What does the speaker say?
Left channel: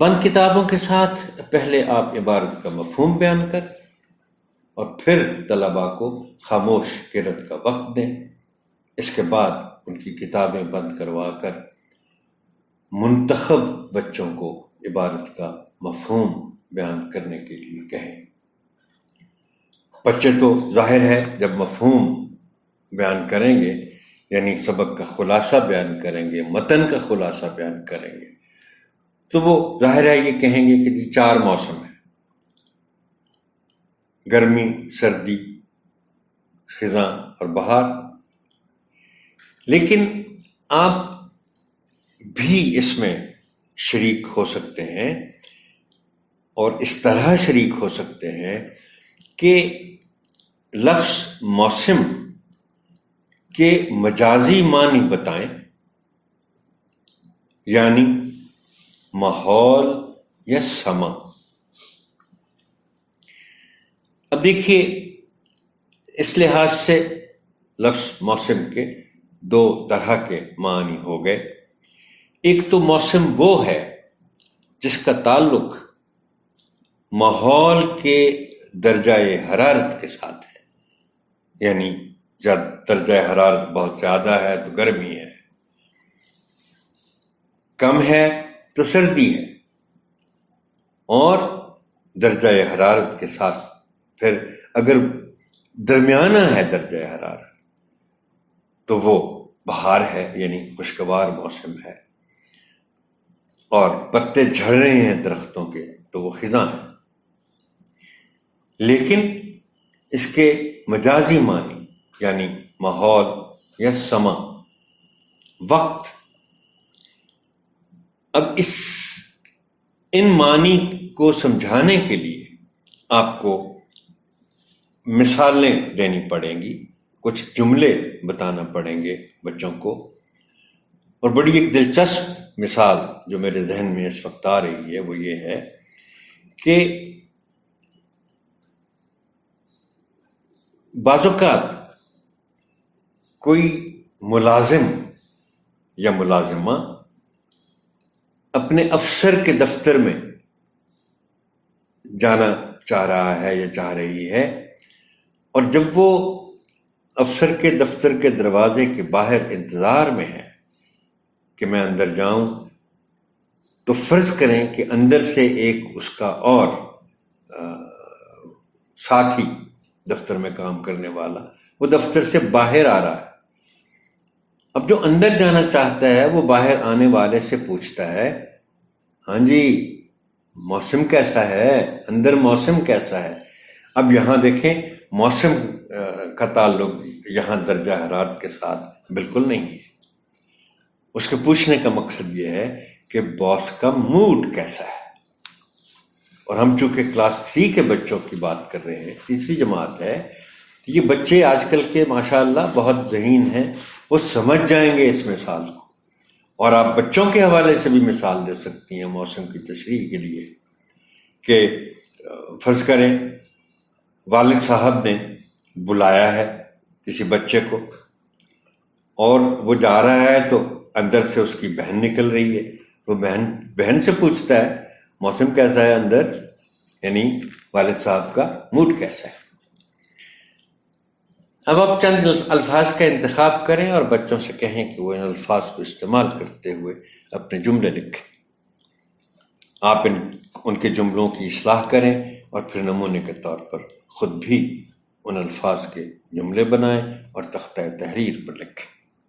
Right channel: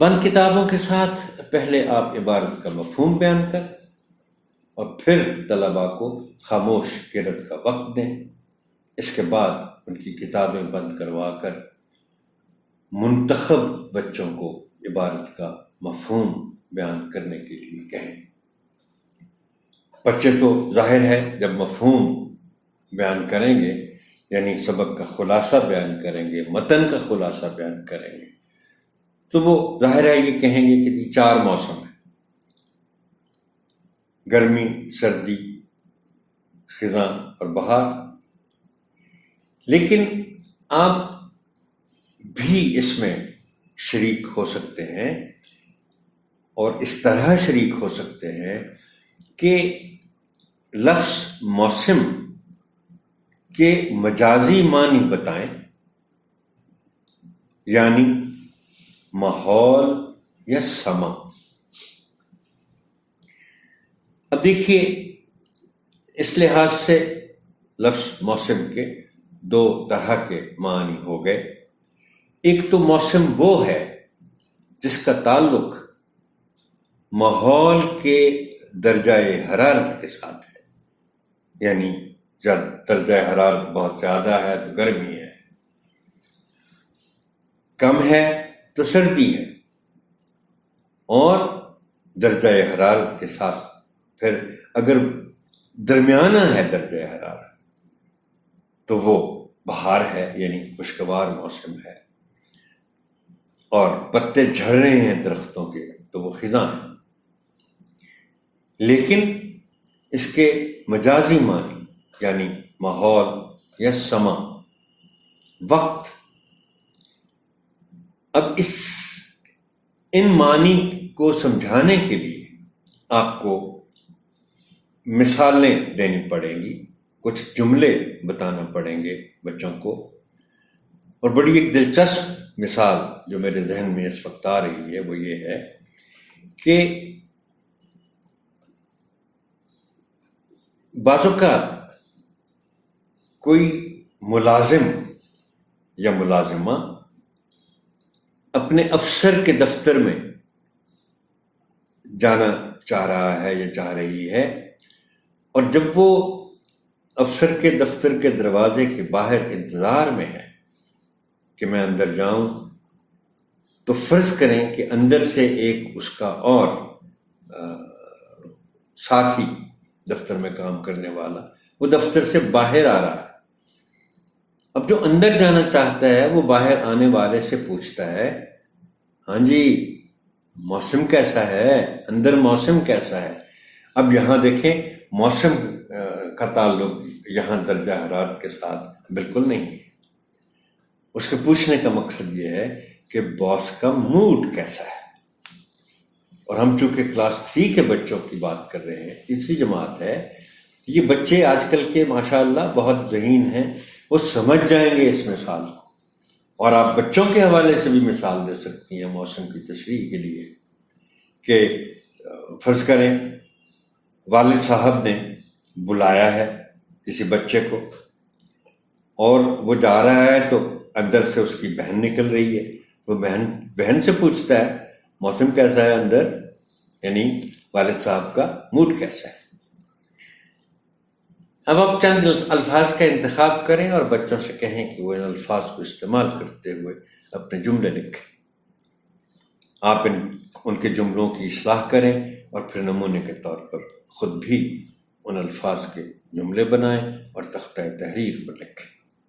بند کتابوں کے ساتھ پہلے آپ عبارت کا مفہوم بیان کر اور پھر طلباء کو خاموش قرأت کا وقت دیں. اس کے بعد ان کی کتابیں بند کروا کر منتخب بچوں کو عبارت کا مفہوم بیان کرنے کے لیے کہیں. بچے تو ظاہر ہے جب مفہوم بیان کریں گے یعنی سبق کا خلاصہ بیان کریں گے، متن کا خلاصہ بیان کریں گے، تو وہ ظاہر ہے یہ کہیں گے کہ یہ 4 موسم ہیں: گرمی، سردی، خزاں اور بہار. لیکن آپ بھی اس میں شریک ہو سکتے ہیں اور اس طرح شریک ہو سکتے ہیں کہ لفظ موسم کے مجازی معنی بتائیں، یعنی ماحول یا سما. اب دیکھیے، اس لحاظ سے لفظ موسم کے 2 طرح کے معنی ہو گئے. ایک تو موسم وہ ہے جس کا تعلق ماحول کے درجہ حرارت کے ساتھ ہے، یعنی جب درجہ حرارت بہت زیادہ ہے تو گرمی ہے، کم ہے تو سردی ہے، اور درجہ حرارت کے ساتھ پھر اگر درمیانہ ہے درجہ حرارت تو وہ بہار ہے، یعنی خوشگوار موسم ہے، اور پتے جھڑ رہے ہیں درختوں کے تو وہ خزاں ہے. لیکن اس کے مجازی معنی یعنی ماحول یا سما، وقت. اب ان معنی کو سمجھانے کے لیے آپ کو مثالیں دینی پڑیں گی، کچھ جملے بتانا پڑیں گے بچوں کو. اور بڑی ایک دلچسپ مثال جو میرے ذہن میں اس وقت آ رہی ہے وہ یہ ہے کہ بعض اوقات کوئی ملازم یا ملازمہ اپنے افسر کے دفتر میں جانا چاہ رہا ہے یا چاہ رہی ہے، اور جب وہ افسر کے دفتر کے دروازے کے باہر انتظار میں ہے کہ میں اندر جاؤں، تو فرض کریں کہ اندر سے ایک اس کا اور ساتھی دفتر میں کام کرنے والا وہ دفتر سے باہر آ رہا ہے. اب جو اندر جانا چاہتا ہے وہ باہر آنے والے سے پوچھتا ہے، ہاں جی موسم کیسا ہے، اندر موسم کیسا ہے. اب یہاں دیکھیں، موسم کا تعلق یہاں درجہ حرارت کے ساتھ بالکل نہیں ہے. اس کے پوچھنے کا مقصد یہ ہے کہ باس کا موڈ کیسا ہے. اور ہم چونکہ کلاس 3 کے بچوں کی بات کر رہے ہیں، 3ری جماعت ہے، یہ بچے آج کل کے ماشاءاللہ بہت ذہین ہیں، وہ سمجھ جائیں گے اس مثال کو. اور آپ بچوں کے حوالے سے بھی مثال دے سکتی ہیں موسم کی تشریح کے لیے کہ فرض کریں والد صاحب نے بلایا ہے کسی بچے کو اور وہ جا رہا ہے تو اندر سے اس کی بہن نکل رہی ہے. وہ بہن سے پوچھتا ہے موسم کیسا ہے اندر، یعنی والد صاحب کا موڈ کیسا ہے. اب آپ چند الفاظ کا انتخاب کریں اور بچوں سے کہیں کہ وہ ان الفاظ کو استعمال کرتے ہوئے اپنے جملے لکھیں. آپ ان کے جملوں کی اصلاح کریں اور پھر نمونے کے طور پر خود بھی ان الفاظ کے جملے بنائیں اور تختہ تحریر پر لکھیں.